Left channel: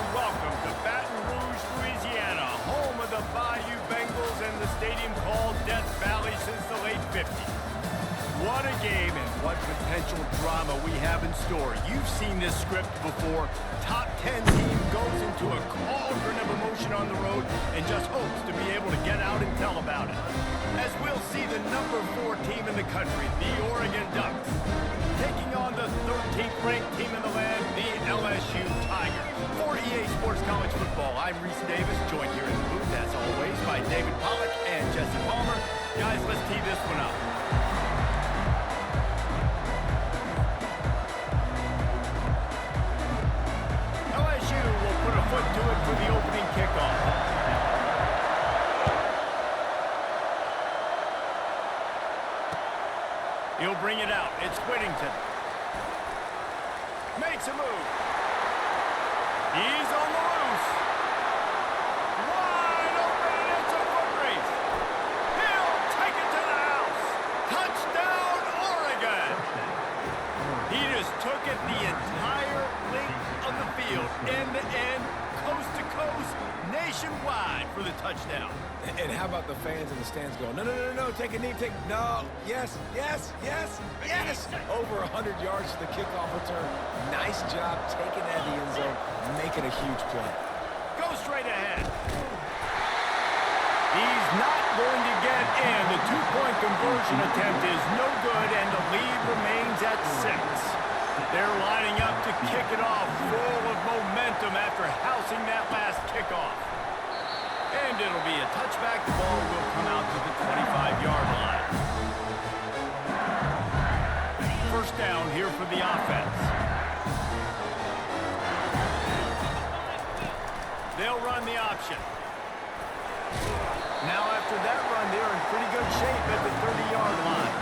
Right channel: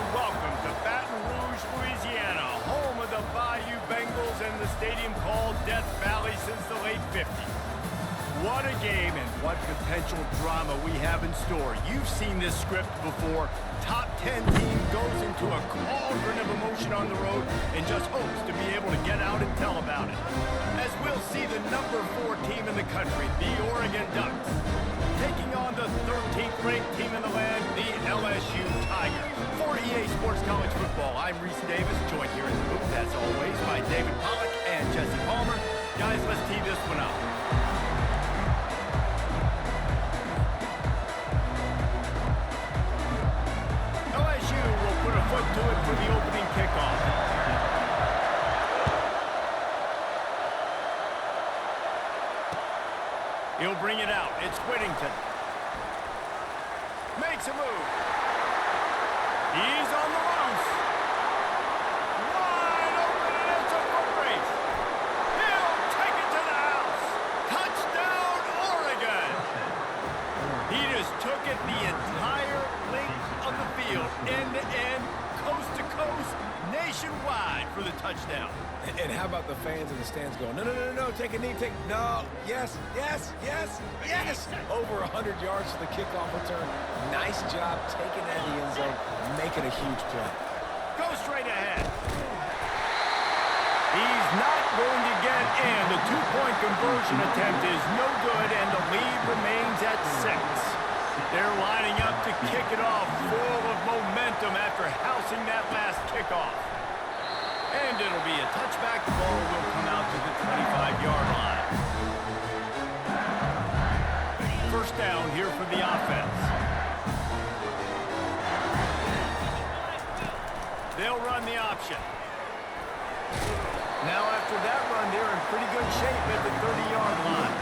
and welcome to Baton Rouge, Louisiana, home of the Bayou Bengals and the stadium called Death Valley since the late 50s. What a game and what potential drama we have in store. You've seen this script before. Top 10 team goes into a cauldron of emotion on the road and just hopes to be able to get out and tell about it. As we'll see the number 4 team in the country, the Oregon Ducks, taking on the 13th ranked team in the land, the LSU Tigers. For EA Sports College Football, I'm Reese Davis, joined here in the booth, as always, by David Pollack and Jesse Palmer. Guys, let's tee this one up. LSU will put a foot to it for the opening kickoff. He'll bring it out. It's Whittington. Makes a move. He's on the loose. Wide open, and it's a foot race. He'll take it to the house. Touchdown, Oregon. He just took it the entire length of the field, end to end, coast to coast, nationwide for the touchdown. And how about the fans in the stands going, no, no, no, no, take a knee, no, yes, yes, yes, yes. Over 100 yards to the kickoff return. Nice job taking that in the end zone, making a huge play. Go straight ahead. He's not going to get in. The two-point conversion attempt is no good, and the lead remains at 6. They're lining up to kick it off, full of momentum after housing that last kickoff. And it'll be a touchback. The ball will come out to the 25-yard line. First down here for the offense. They'll run the option. Now after that run, they're in pretty good shape at the 30-yard line.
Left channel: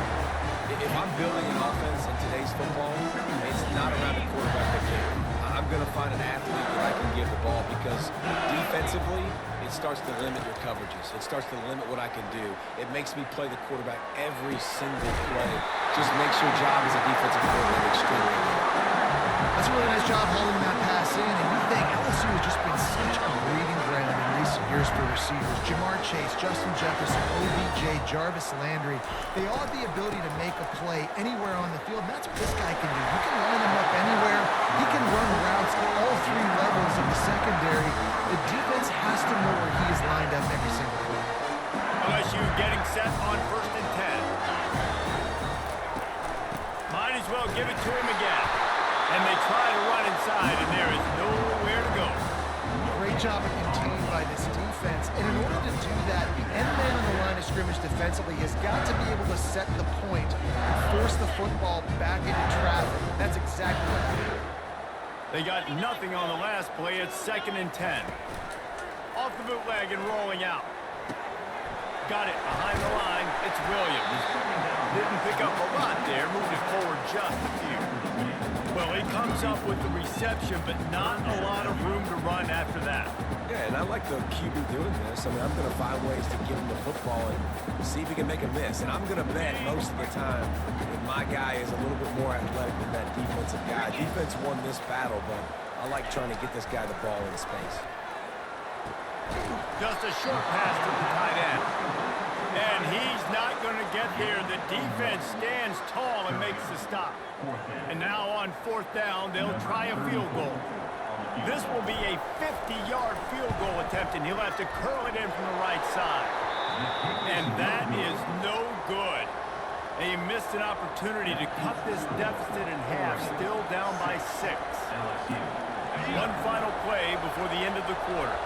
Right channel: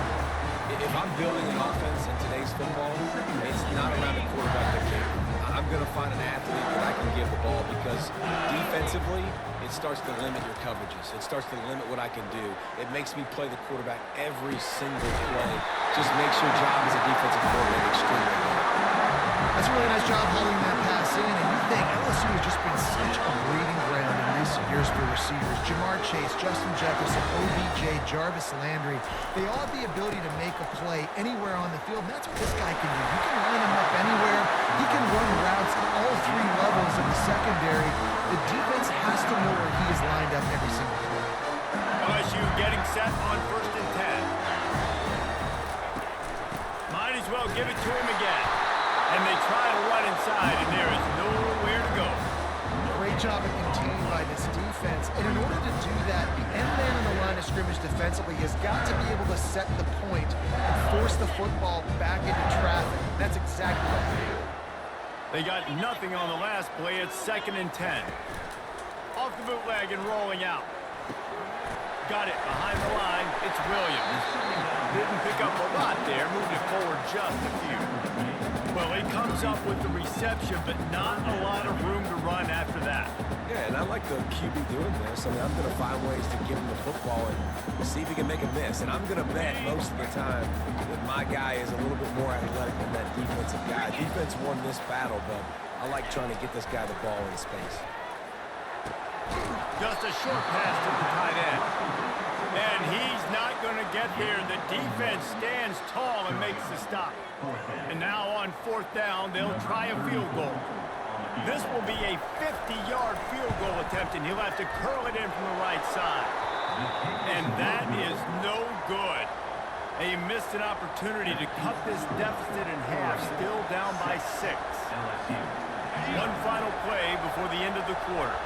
If I'm building an offense in today's football, it's not around a quarterback that can. I'm going to find an athlete that I can give the ball because defensively, it starts to limit your coverages. It starts to limit what I can do. It makes me play the quarterback every single play. Just makes your job as a defensive coordinator extremely well. That's a really nice job holding that pass in, and you think LSU has just been such a breeding ground in recent years for receivers. Jamar Chase, Justin Jefferson, OBJ, Jarvis Landry, they all have the ability to make a play anywhere on the field, and that's what this guy can do. You can line him up anywhere. He can run routes at all 3 levels of the secondary. The defense has to know where he is lined up every single play. LSU getting set on 1st and 10. Might as well give it to him again. And they try to run inside, and there is nowhere to go. Great job of containing by this defense. And in order to do that, the end man on the line of scrimmage defensively has got to be able to set the point and force the football back into traffic. That's exactly what happened. They got nothing on the last play. It's 2nd and 10. Off the bootleg and rolling out. Got it behind the line. It's Williams. Didn't pick up a lot there. Moved it forward just a few. Well, he comes up with the reception, but not a lot of room to run after that. Yeah, and I like the QB doing this. I mean, I'm going to find ways to give him the football and see if he can make a miss. And I'm going to bet most of the time that my guy is a little bit more athletic than that defensive guy. Defense won this battle, but I like trying to get this guy the ball in space. Just a short pass to the tight end. And he's not going to get there. The defense stands tall and makes the stop. And now on 4th down, they'll try a field goal. This will be a 50-yard field goal attempt, and he'll have to curl it in from the right side. And that is no good. They missed an opportunity to cut this deficit in half, still down by 6. One final play before the end of the quarter.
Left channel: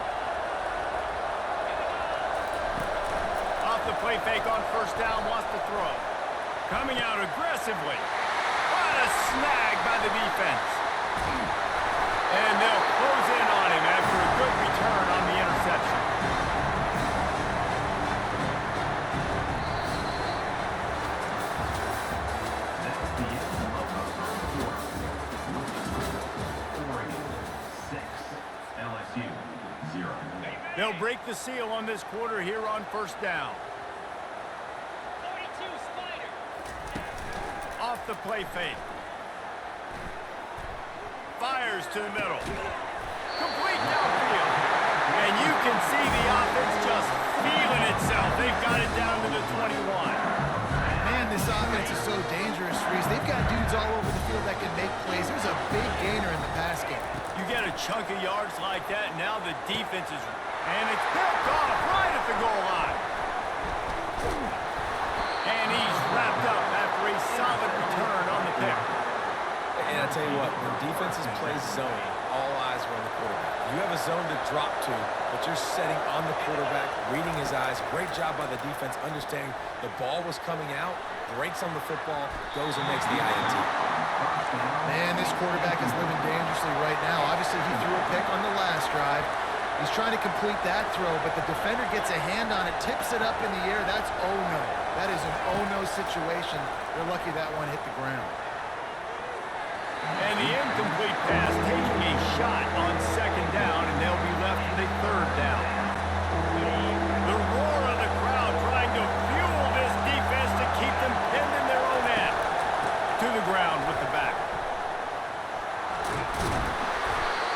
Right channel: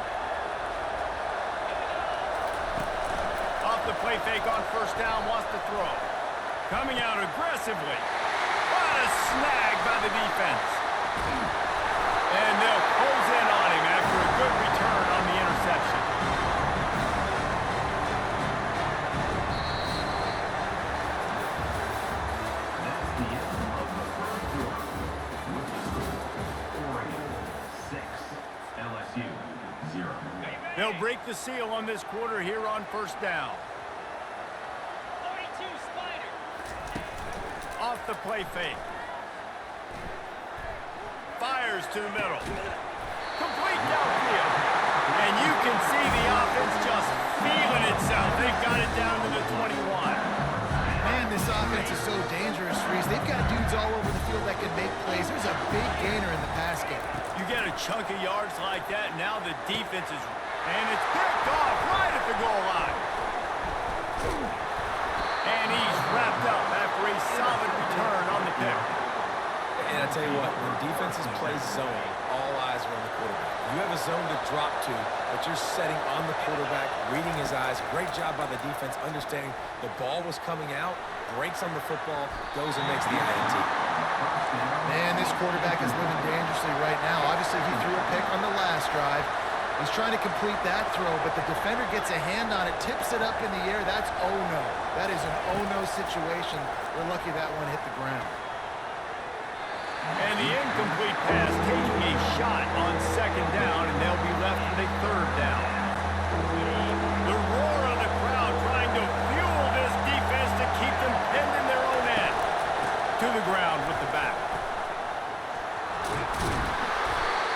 Off the play fake on 1st down, wants to throw. Coming out aggressively. What a snag by the defense. And they'll close in on him after a good return on the interception. That's the end of the 3rd quarter. Oregon 6, LSU 0. They'll break the seal on this quarter here on 1st down. 42 Spider. Off the play fake. Fires to the middle. Complete downfield. And you can see the offense just feeling itself. They've got it down to the 21. Man, this offense is so dangerous, Reese. They've got dudes all over the field that can make plays. There's a big gainer in the pass game. You get a chunk of yards like that, and now the defense is... And it's picked off right at the goal line. And he's wrapped up after a solid return on the pick. And I tell you what, when defenses play zone, all eyes are on the quarterback. You have a zone to drop to, but you're setting on the quarterback, reading his eyes. Great job by the defense, understanding the ball was coming out, breaks on the football, goes and makes the INT. Man, this quarterback is living dangerously right now. Obviously, he threw a pick on the last drive. He's trying to complete that throw, but the defender gets a hand on it, tips it up in the air. That's oh-no. That is an oh-no situation. We're lucky that one hit the ground. And the incomplete pass taking a shot on second down, and they'll be left with a third down. The roar of the crowd trying to fuel this defense to keep them pinned in their own end. To the ground with the back.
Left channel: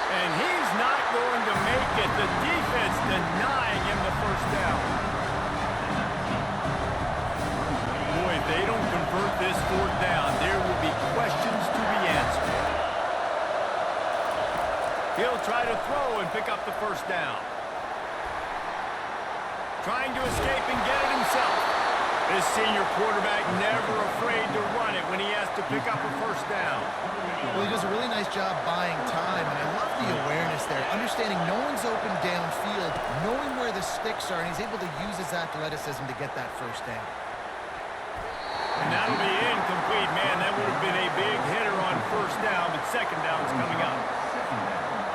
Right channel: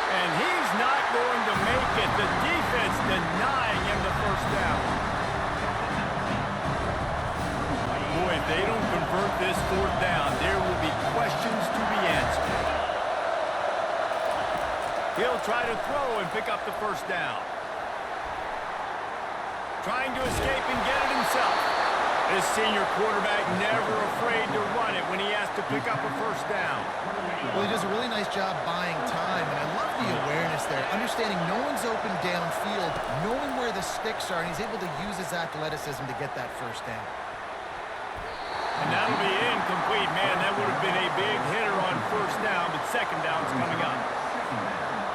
And he's not going to make it. The defense denying him the first down. Boy, if they don't convert this fourth down, there will be questions to be answered. He'll try to throw and pick up the first down. Trying to escape and get it himself. This senior quarterback never afraid to run it when he has to pick up a first down. Well, he does a really nice job buying time, and I love the awareness there. Understanding no one's open downfield, knowing where the sticks are, and he's able to use his athleticism to get that first down. And that'll be incomplete, man. That would have been a big hitter on first down, but second down's coming up.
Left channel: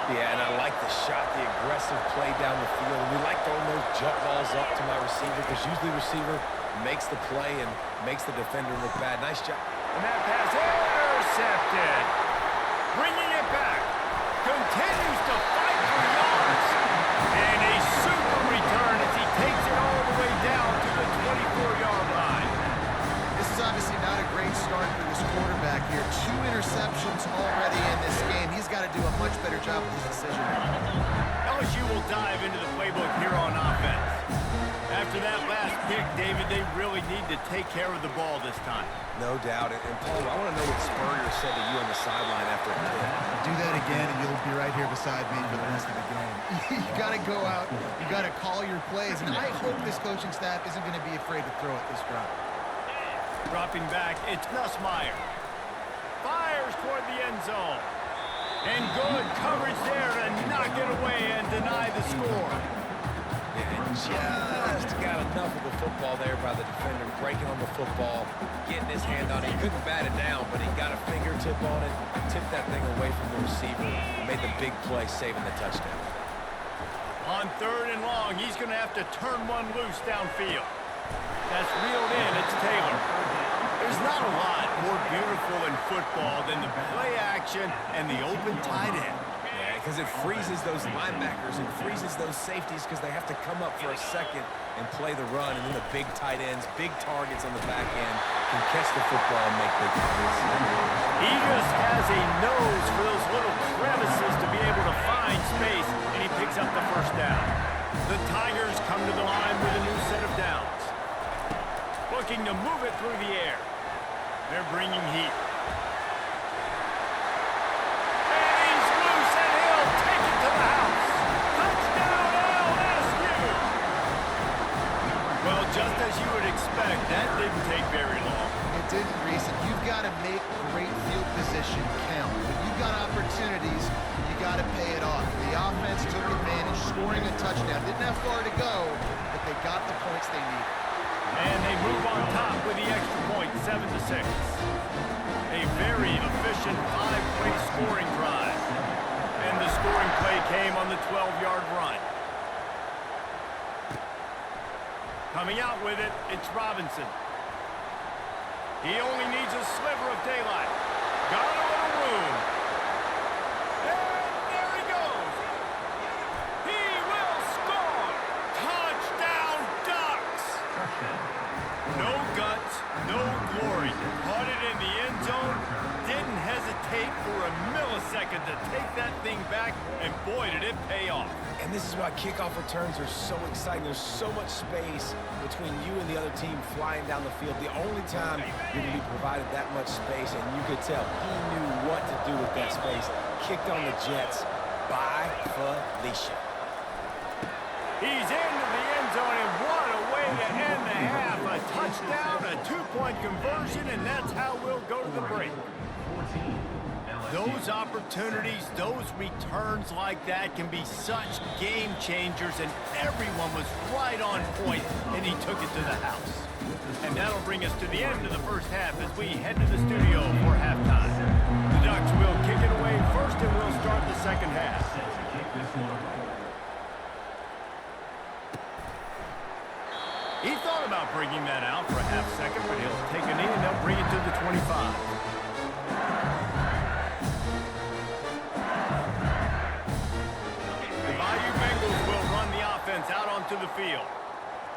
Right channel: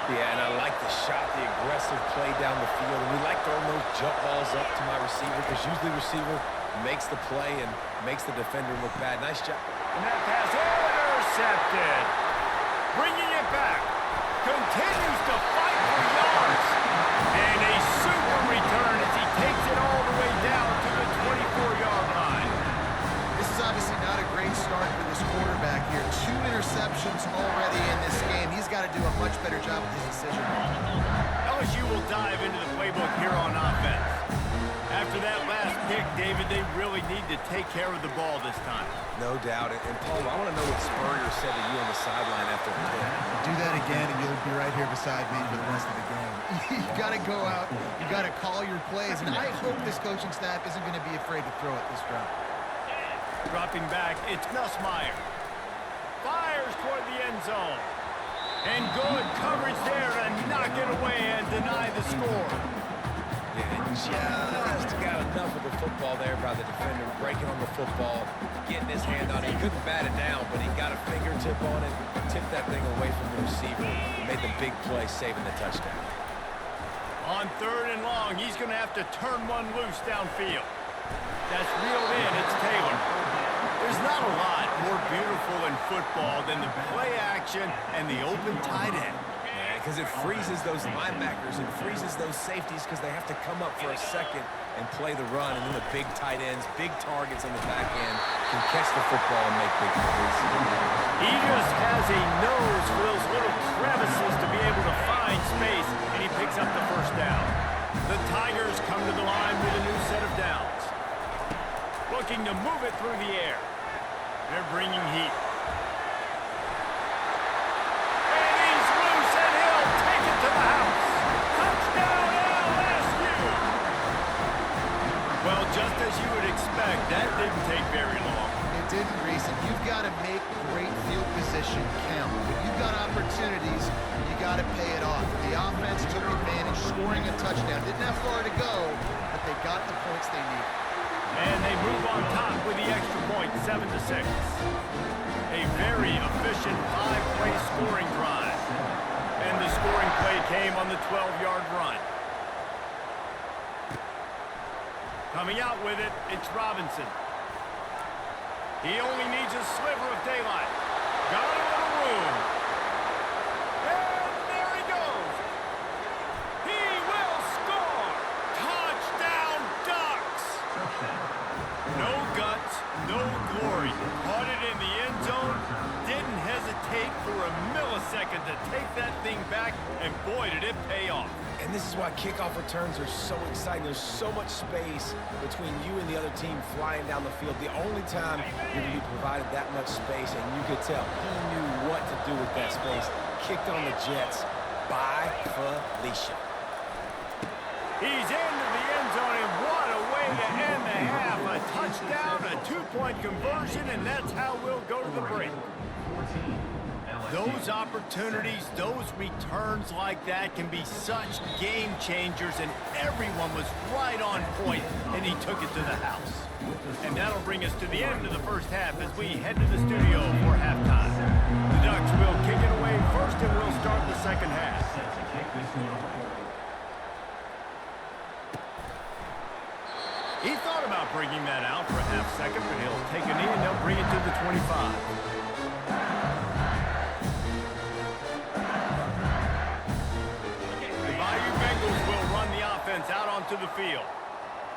Yeah, and I like the shot, the aggressive play down the field. And we like throwing those jump balls up to my receiver because usually receiver makes the play and makes the defender look bad. Nice job. And that pass intercepted. Bringing it back. Continues to fight for yards. And a super return as he takes it all the way down to the 24-yard line. This is obviously not a great start for this quarterback here. 2 interceptions already in this game. He's got to do a much better job with his decision. LSU will dive into the playbook here on offense. After that last pick, David, they really need to take care of the ball this time. No doubt. And Paul, I want to know what Spurrier said to you on the sideline after a pick. Do that again, and you'll be right here beside me for the rest of the game. You got to go out. You got to call your plays. And I hope this coaching staff isn't going to be afraid to throw it this drive. Dropping back, it's Nussmeier. Fires toward the end zone. And good coverage there to knock it away and deny the score. Yeah, just got enough of the football there by the defender, breaking on the football, getting his hand on it. He couldn't bat it down, but he got a fingertip on it, tipped that thing away from the receiver, made the big play, saving the touchdown. On 3rd and long, he's going to have to turn one loose downfield. That's reeled in. It's Taylor. There's not a lot more beautiful in football than the play action and the open tight end. Yeah, because it freezes those linebackers and freezes those safeties because they have to come up for a second and play the run, and then the big tight ends, big targets on the back end can catch the football and make big plays. He just has a nose for those little crevices to be able to find space, and he picks up the first down. The Tigers come to the line with a new set of downs. Looking to move it through the air. They're bringing heat. And he's loose, and he'll take it to the house. Touchdown, LSU! Well, just as you would expect, that didn't take very long. It didn't, Reese, and you've got to make great field position count. When you've got opportunities, you got to pay it off. The offense took advantage, scoring a touchdown. Didn't have far to go, but they got the points they needed. And they move on top with the extra point, 7-6. A very efficient 5-play scoring drive. And the scoring play came on the 12-yard run. Coming out with it, it's Robinson. He only needs a sliver of daylight. Got a little room. And there he goes. He will score. Touchdown, Ducks. No guts, no glory. Caught it in the end zone, didn't hesitate for a millisecond to take that thing back, and boy, did it pay off. And this is why kickoff returns are so exciting. There's so much space between you and the other team flying down the field. The only time you're going to be provided that much space, and you could tell he knew what to do with that space. Kicked on the Jets by Felicia. He's into the end zone, and what a way to end the half. A touchdown, a two-point conversion, and that's how we'll go to the break. 14. Those opportunities, those returns like that can be such game changers, and everyone was right on point, and he took it to the house. And that'll bring us to the end of the first half as we head to the studio for halftime. The Ducks will kick it away first, and we'll start the second half. Set to kick this one away. He thought about bringing that out for a half second, but he'll take a knee, and they'll bring it to the 25. The Bayou Bengals will run the offense out onto the field.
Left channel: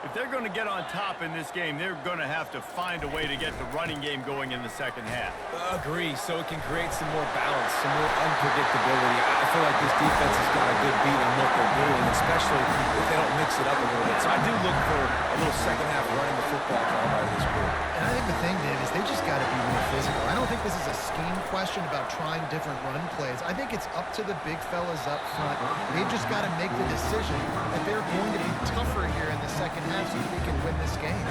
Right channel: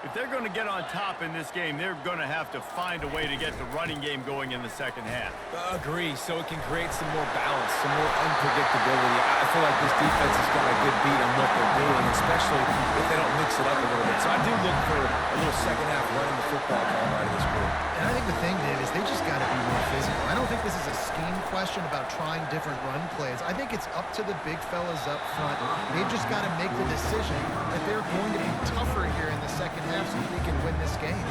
If they're going to get on top in this game, they're going to have to find a way to get the running game going in the second half. Agree, so it can create some more balance, some more unpredictability. I feel like this defense has got a good beat on what they're doing, especially if they don't mix it up a little bit. So I do look for a little second half running the football call out of this group. And I think the thing, Dave, is they just got to be more physical. I don't think this is a scheme question about trying different run plays. I think it's up to the big fellas up front. They've just got to make the decision that they're going to be tougher here in the second half so they can win this game.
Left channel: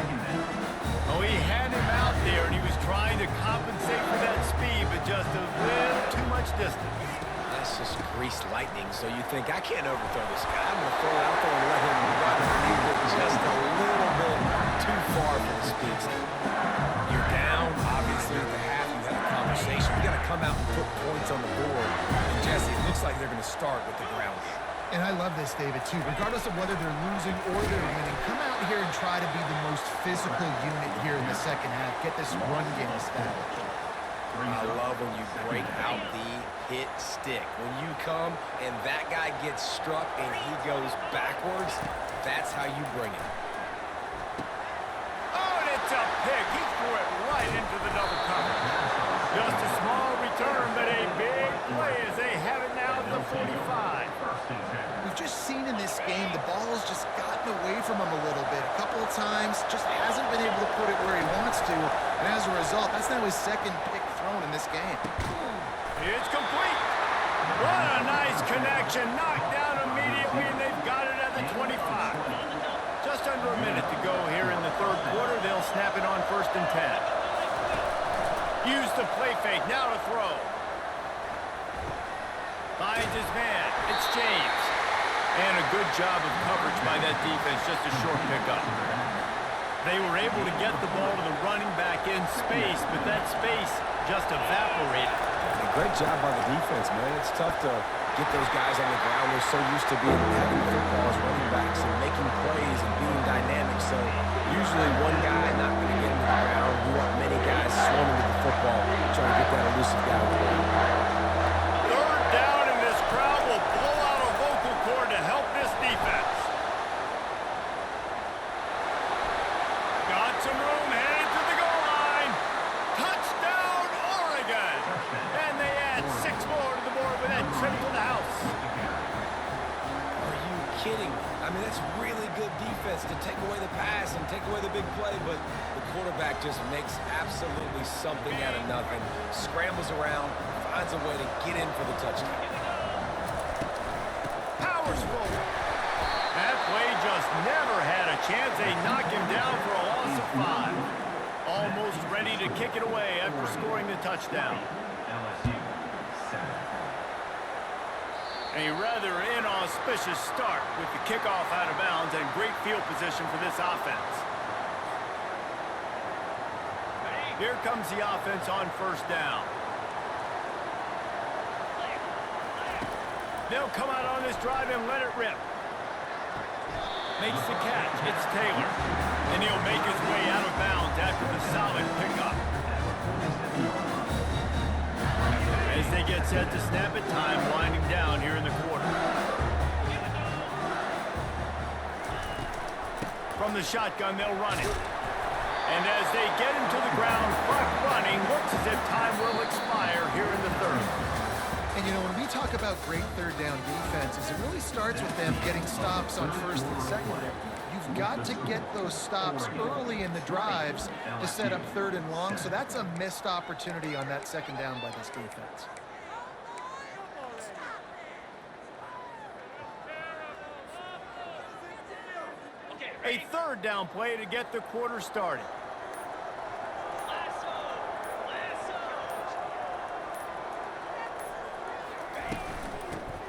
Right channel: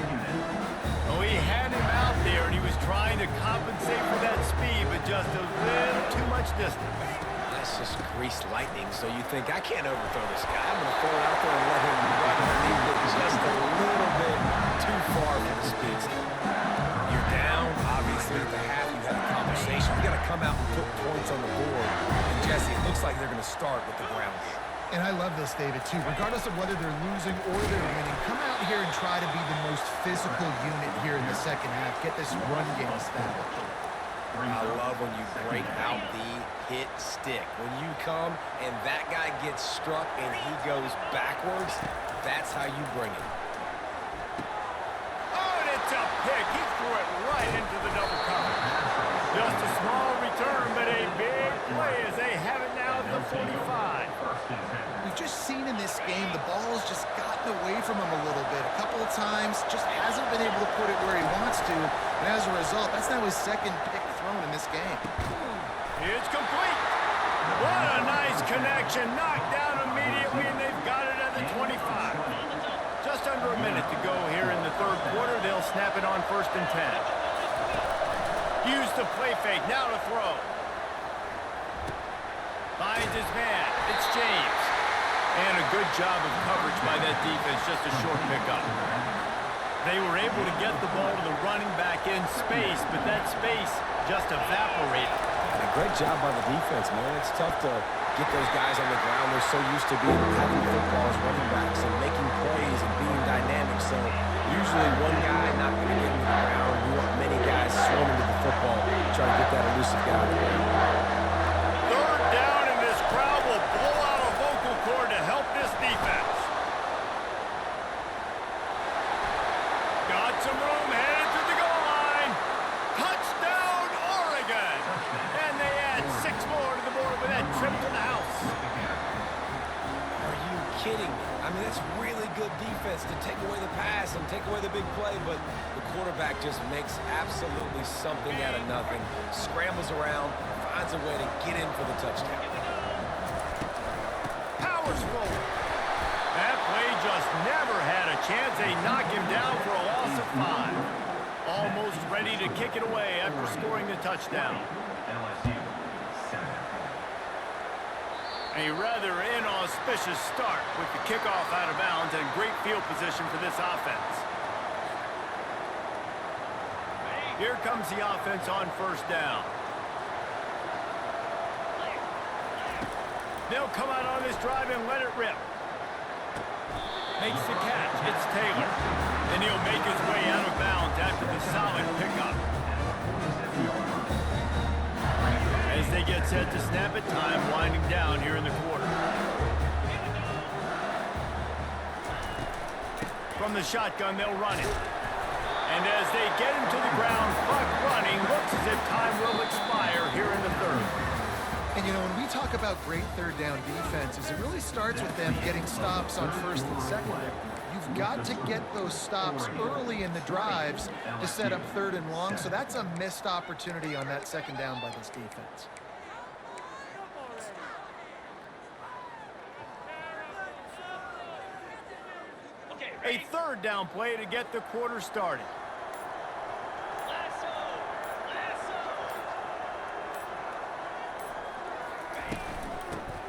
Oh, he had him out there, and he was trying to compensate for that speed, but just a little too much distance. That's just greased lightning, so you think, I can't overthrow this guy. I'm going to throw it out there and let him run underneath it just a little bit too far for the speedster. You're down, obviously, at the half. You had a conversation. You got to come out and put points on the board. And, Jesse, it looks like they're going to start with the ground game. And I love this, David, too. Regardless of whether they're losing or they're winning, come out here and try to be the most physical unit here in the second half. Get this run game established. I love when you break out the hit stick. When you come and that guy gets struck and he goes backwards, that's how you bring it. Oh, and it's a pick. He threw it right into the double cover. Just a small return, but a big play as they have it now at the 45. We've just seen in this game the ball's just gotten away from him a little bit. A couple of times, just hasn't been able to put it where he wants to. And as a result, that's now his second pick thrown in this game. It's complete. What a nice connection. Knocked down immediately, and they've got it at the 25. Just under a minute to go here in the third quarter. They'll snap it on 1st and 10. Use the play fake. Now to throw. Finds his man. It's James. And a good job of coverage by that defense. Just a short pickup. They were able to get the ball to the running back in space, but that space just evaporated. And a great job by the defense, man. It's tough to get those guys on the ground. They're so used to having football as running backs and making plays and being dynamic. So usually one guy not going to get into the ground. You want many guys swarming to the football, try to get that elusive guy on the ground. Third down, and this crowd will blow out a vocal cord to help this defense. Got some room, headed to the goal line. Touchdown, Oregon! And they add 6 more to the board with that trip to the house. Are you kidding me? I mean, that's really good defense to take away the pass and take away the big play, but the quarterback just makes absolutely something out of nothing, scrambles around, finds a way to get in for the touchdown. Powers forward. That play just never had a chance. They knock him down for a loss of 5. Almost ready to kick it away after scoring the touchdown. LSU 7. A rather inauspicious start with the kickoff out of bounds and great field position for this offense. Here comes the offense on 1st down. They'll come out on this drive and let it rip. Makes the catch. It's Taylor. And he'll make his way out of bounds after the solid pickup. As they get set to snap it, time winding down here in the quarter. From the shotgun, they'll run it. And as they get him to the ground, clock running, looks as if time will expire here in the third. And, you know, when we talk about great third down defenses, it really starts with them getting stops on first and second down. You've got to get those stops early in the drives to set up third and long, so that's a missed opportunity on that second down by this defense. A third down play to get the quarter started.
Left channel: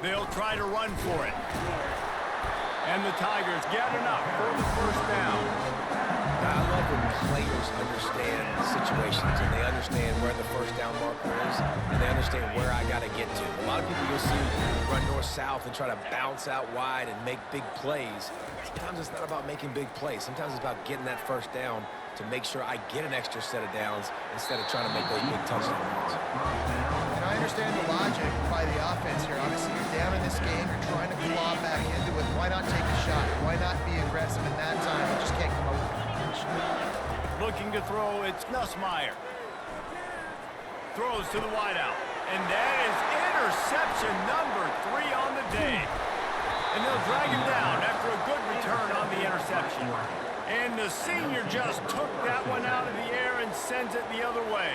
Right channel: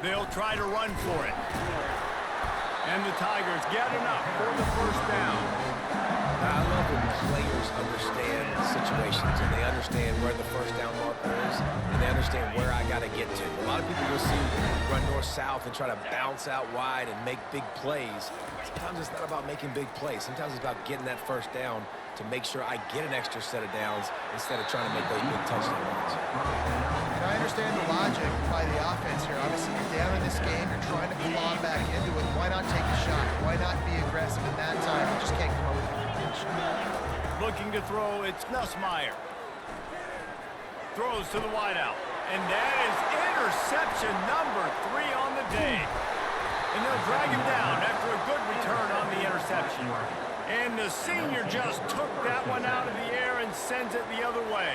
They'll try to run for it. And the Tigers get enough for the first down. I love when players understand situations and they understand where the first down marker is and they understand where I got to get to. A lot of people you'll see run north-south and try to bounce out wide and make big plays. Sometimes it's not about making big plays. Sometimes it's about getting that first down to make sure I get an extra set of downs instead of trying to make those big touchdown runs. And I understand the logic by the offense here. Obviously, you're down in this game. You're trying to claw back into it. Why not take a shot? Why not be aggressive in that time? You just can't come up with a completion. Looking to throw, it's Nussmeier. Throws to the wideout. And that is interception number 3 on the day. And they'll drag him down after a good return on the interception. And the senior just took that one out of the air and sends it the other way.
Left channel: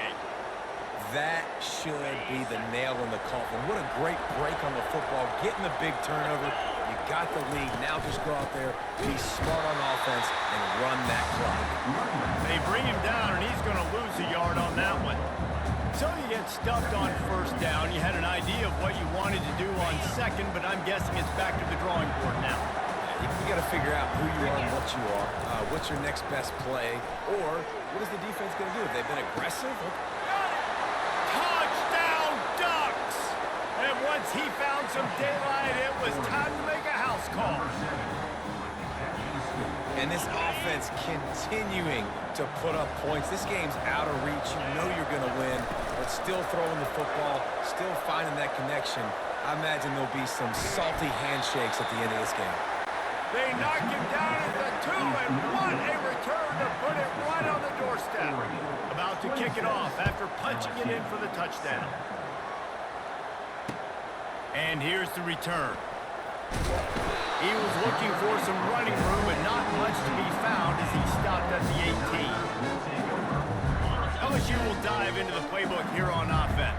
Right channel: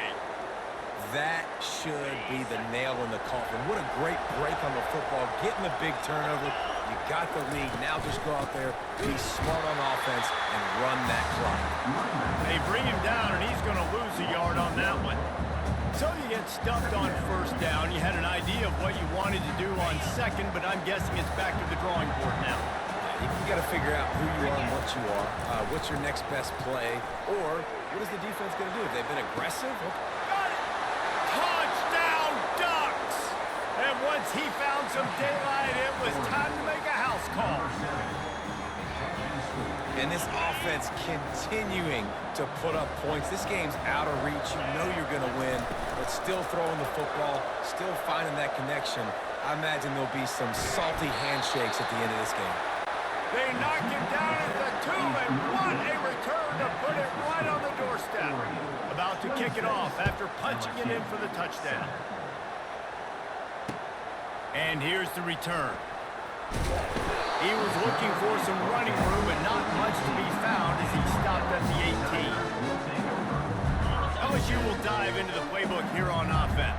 That should be the nail in the coffin. What a great break on the football. Getting the big turnover. You got the lead. Now just go out there, be smart on offense, and run that clock. They bring him down, and he's going to lose a yard on that one. So you get stuffed on first down. You had an idea of what you wanted to do on second, but I'm guessing it's back to the drawing board now. You got to figure out who you are and what you are. What's your next best play? Or what is the defense going to do? If they've been aggressive? Okay. Got it! Touchdown, Ducks! And once he found some daylight, it was time to make a house call. And this offense continuing to put up points. This game's out of reach. You know you're going to win, but still throwing the football, still finding that connection. I imagine there'll be some salty handshakes at the end of this game. They knocked him down at the 2, and what a return to put it right on the doorstep. About to kick it off after punching it in for the touchdown. And here's the return. He was looking for some running room, but not much to be found as he stopped at the 18. LSU will dive into the playbook here on offense.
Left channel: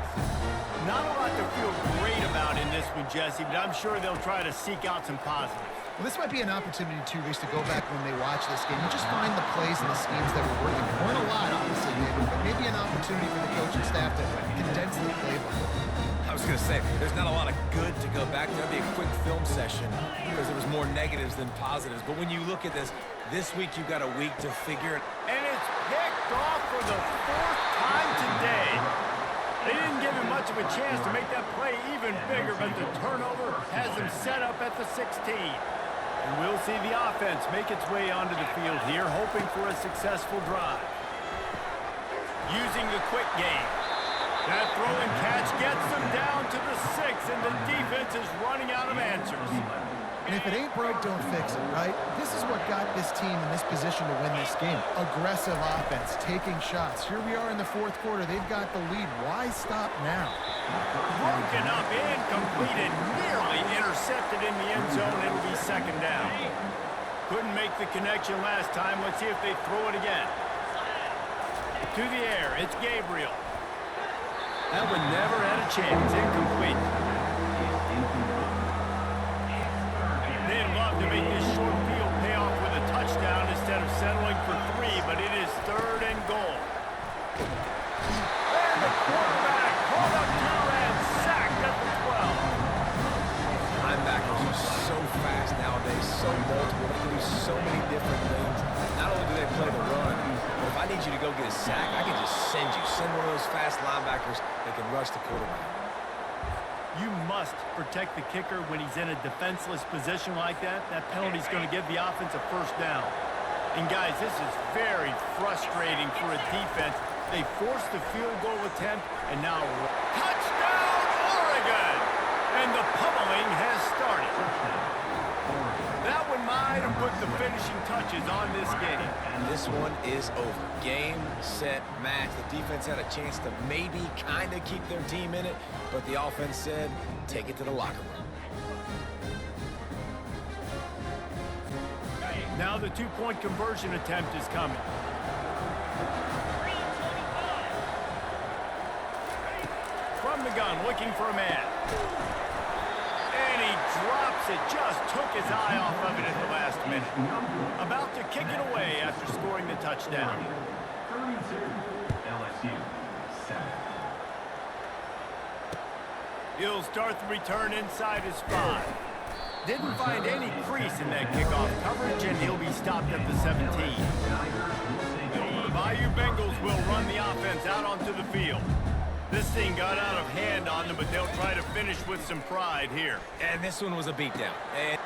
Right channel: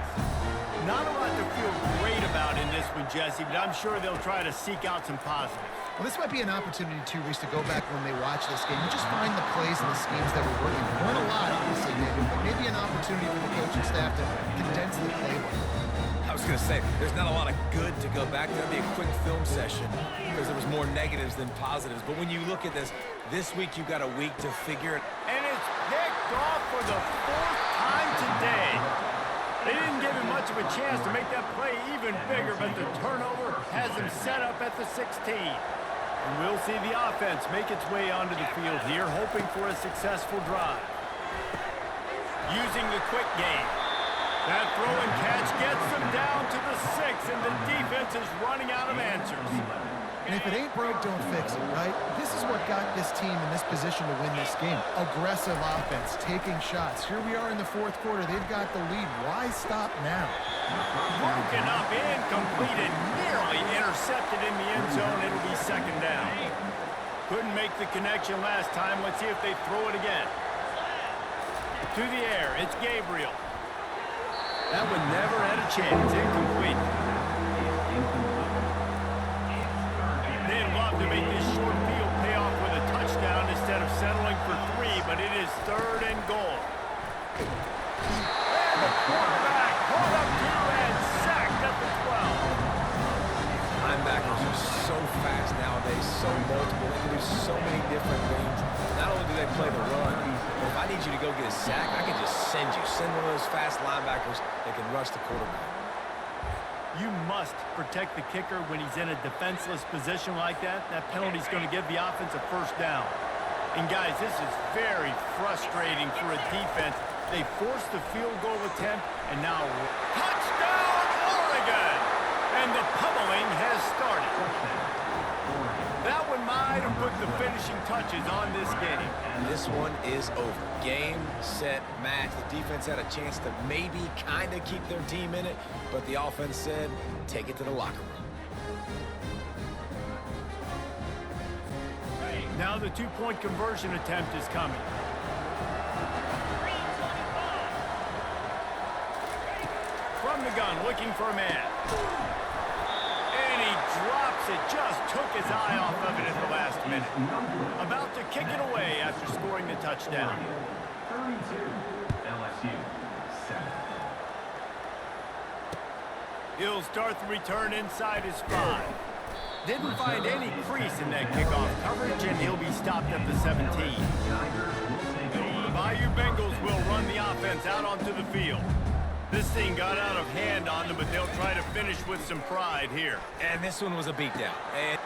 Not a lot to feel great about in this one, Jesse, but I'm sure they'll try to seek out some positives. Well, this might be an opportunity, too, Reese, to go back when they watch this game and just find the plays and the schemes that were working. There weren't a lot, obviously, David, but maybe an opportunity for the coaching staff to condense the playbook. I was going to say, there's not a lot of good to go back to. That'd be a quick film session because there was more negatives than positives. But when you look at this week you've got a week to figure it. And it's picked off for the 4th time today. They didn't give him much of a chance to make that play even bigger, but the turnover has him set up at the 16. And we'll see the offense make its way onto the field here, hoping for a successful drive. Using the quick game. That throw and catch gets them down to the 6, and the defense is running out of answers. And if it ain't broke, don't fix it, right? This is what got this team in this position to win this game. Aggressive offense, taking shots. Here we are in the 4th quarter. They've got the lead. Why stop now? Broken up, incomplete, and nearly intercepted in the end zone. It'll be 2nd down. Couldn't make the connection last time. Let's see if they throw it again. To the air, it's Gabriel. That one never had a chance. Incomplete. They'd love to make this short field pay off with a touchdown instead of settling for 3, but it is 3rd and goal. And the quarterback caught up 2 and sacked at the 12. Linebackers are so fast nowadays, so multiple. They can do so many different things. Not only do they play the run, but if I need you to go get a sack, I can just send you. Send one of those fast linebackers that can rush the quarterback. You must protect the kicker when he's in a defenseless position like that. That penalty's going to give the offense a 1st down. And guys, this is very frustrating for a defense. They forced the field goal attempt, and now touchdown, Oregon! And the pummeling has started. That one might have put the finishing touches on this game. This one is over. Game, set, match. The defense had a chance to maybe kind of keep their team in it, but the offense said, take it to the locker room. Now the two-point conversion attempt is coming. 3:25. From the gun, looking for a man. And he drops it, just took his eye off of it at the last minute. About to kick it away after scoring the touchdown. 32, LSU, 7. He'll start the return inside his 5. Didn't find any crease in that kickoff coverage, and he'll be stopped at the 17. The Bayou Bengals will run the offense out onto the field. This thing got out of hand on them, but they'll try to finish with some pride here. And this one was a beatdown. And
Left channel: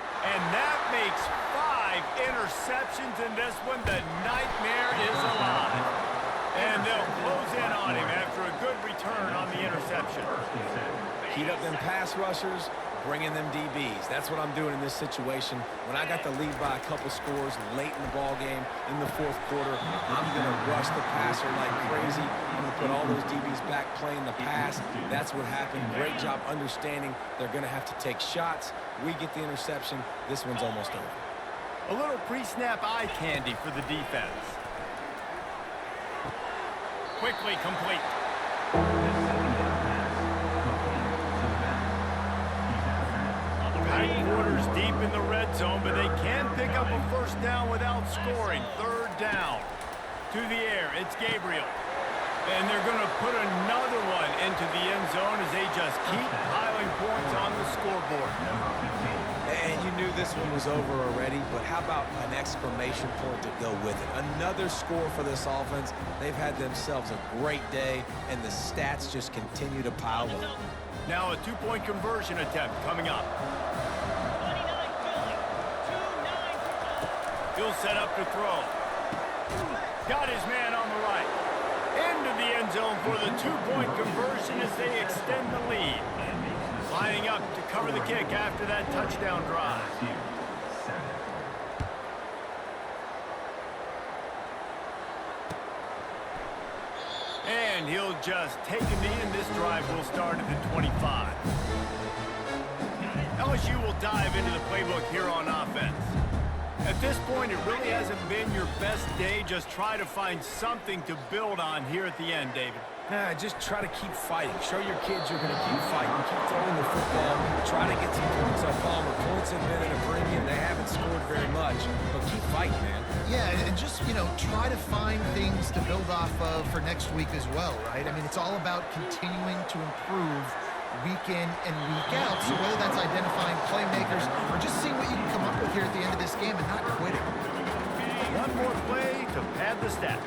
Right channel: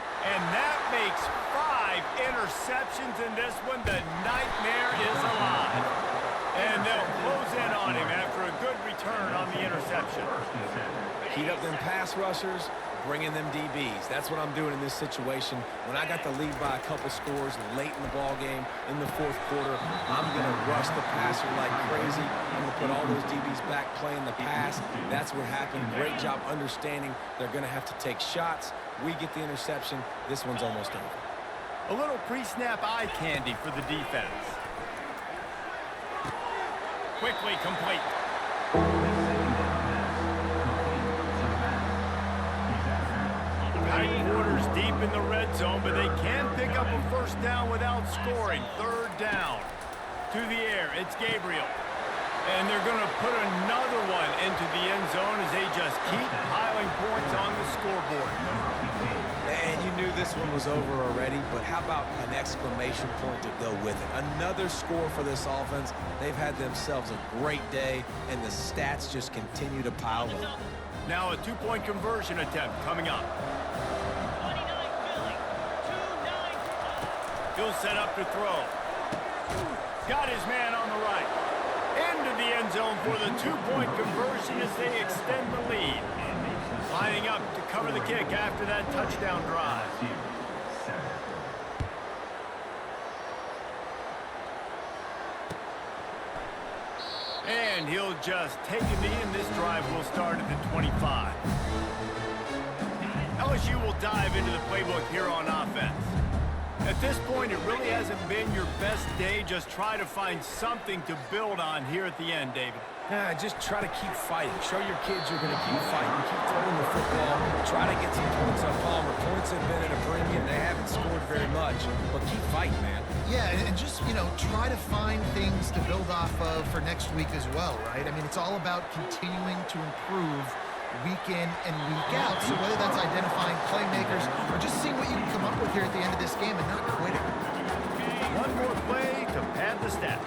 that makes 5 interceptions in this one. The nightmare is alive. And they'll close in on him after a good return on the interception. Heat up them pass rushers, bring in them DBs. That's what I'm doing in this situation. When I got the lead by a couple scores late in the ball game, in the fourth quarter, I'm going to rush the passer like crazy. I'm going to put all those DBs back playing the pass. That's what happened. Great job understanding they're going to have to take shots. We get the interception. This one's almost over. A little pre-snap eye candy for the defense. Quickly complete. Tight quarters deep in the red zone, but they can pick up a first down without scoring. Third down. To the air, it's Gabriel. And they're going to put another one into the end zone as they just keep piling points on the scoreboard. And you knew this one was over already, but how about an exclamation point to go with it? Another score for this offense. They've had themselves a great day, and the stats just continue to pile up. Now a two-point conversion attempt coming up. 29 Philly. 2-9. He'll set up to throw. Got his man on the right. Into the end zone for the two-point conversion as they extend the lead. Lining up to cover the kick after that touchdown drive. And he'll just take a knee, and this drive will start at the 25. LSU will dive into the playbook here on offense. At this point, it really hasn't been your best day. Just try to find something to build on here at the end, David. Just try to keep fighting. Show your kids you're going to keep fighting. Keep throwing the football. Try to get some points on Palmer. Points have been at a premium. They haven't scored very much, but keep fighting, man. Yeah, and just, try to find things to build off of for next week as well, right? I mean, it's all about continuing to improve week in and week out. So whether that's identifying playmakers or just seeing what you can come up with here at the end of this game and not quitting. One more play to pad the stats.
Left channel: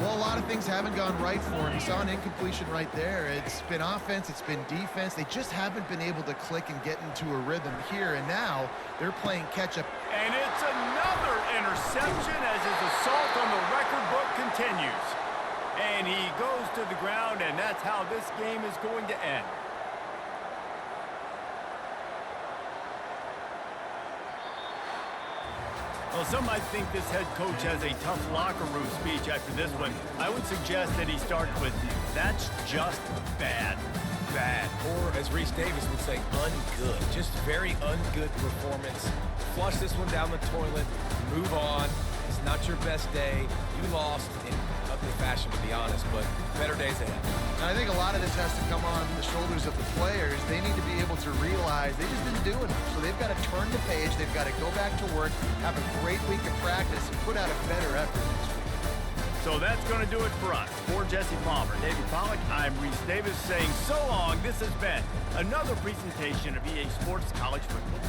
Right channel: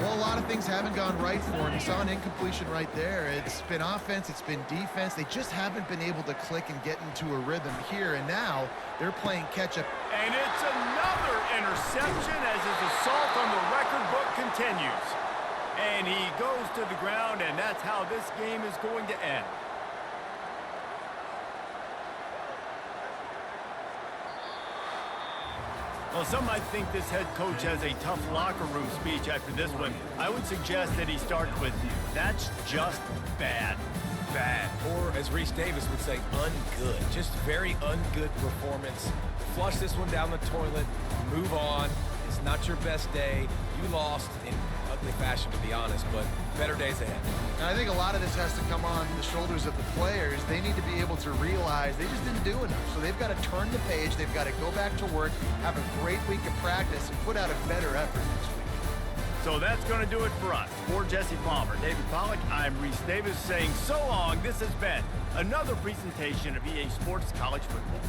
Well, a lot of things haven't gone right for him. You saw an incompletion right there. It's been offense, it's been defense. They just haven't been able to click and get into a rhythm here, and now they're playing catch-up. And it's another interception as his assault on the record book continues. And he goes to the ground, and that's how this game is going to end. Well, some might think this head coach has a tough locker room speech after this one. I would suggest that he starts with, "That's just bad." Bad. Or, as Reese Davis would say, ungood. Just very ungood performance. Flush this one down the toilet. Move on. It's not your best day. You lost in ugly fashion, to be honest, but better days ahead. And I think a lot of this has to come on the shoulders of the players. They need to be able to realize they just didn't do enough. So they've got to turn the page. They've got to go back to work, have a great week of practice, and put out a better effort next week. So that's going to do it for us. For Jesse Palmer, David Pollack, I'm Reese Davis saying so long. This has been another presentation of EA Sports College Football.